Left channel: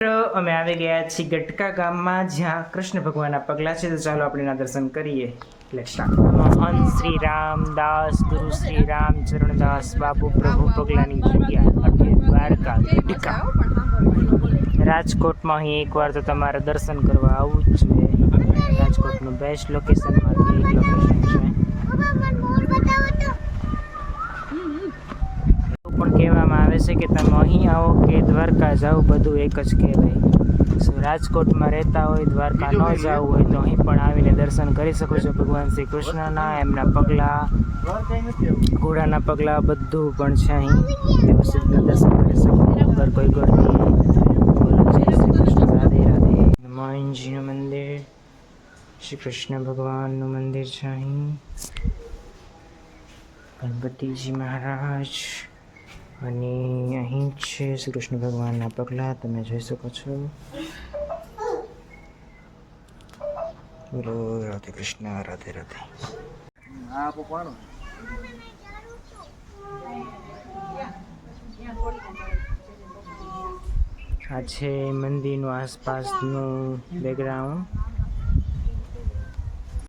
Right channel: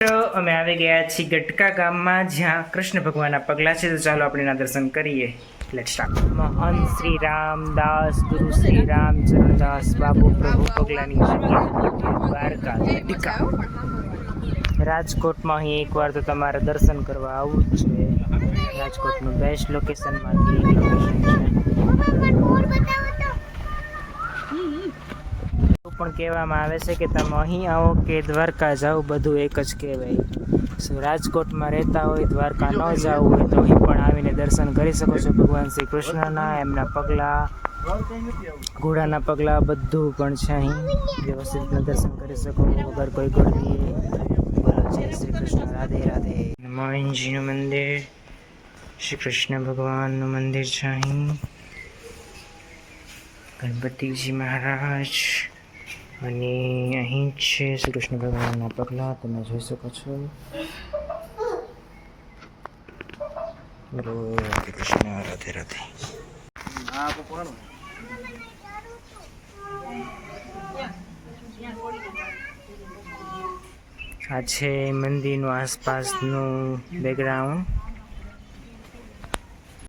અમે આવી ગયા છીએ ગટકા ગામમાં જ્યાં કૃષ્ણ ભગવાનના પગલા છે. તો ચાલો આપણે એના દર્શન કરીએ. Let's start. મહંત શ્રી રામદાસ ગુરુ શ્રી રામચરણદાસ બાબુ પ્રભુ પગલાની જગ્યા દ્વારકા ગટકા રાજકોટમાં અહીં એકવાર તો તમારે દર્શન કરવા આવવું જ જોઈએ. રાજકોટનું બેસ્ટ લોકેશનમાંથી એક લોકેશન છે. પણ કહેવામાં આવે છે કે તમે અહીં આવો કે દ્વારકા જાઓ બધું એક જ કહેવાય. રાજકોટમાં રહેતા હોય, દ્વારકા ન જવું હોય તો અહીં પણ આવીને દર્શન કરી શકો છો. ભગવાન શ્રી કૃષ્ણના એમના પગલાં, ઘોડાના પગલાં બધું પણ છે. અહીં વ્યવસ્થિત દર્શન કરી શકો વગર કોઈ ગળદી. બોલો જય શ્રી કૃષ્ણ, રાધે રાધે. હનુમાનજીનું મંદિર, શ્રી કૃષ્ણ ભગવાનનું મંદિર છે. અહીં ગણપતિજી મહારાજ અને અહીં છે શ્રી કૃષ્ણ ભગવાનના પગલાં તમે જોઈ શકો છો. બોલો રાધે કૃષ્ણ, રાધે રાધે. આ છે મંદિરનું આસપાસનું બેકગ્રાઉન્ડ.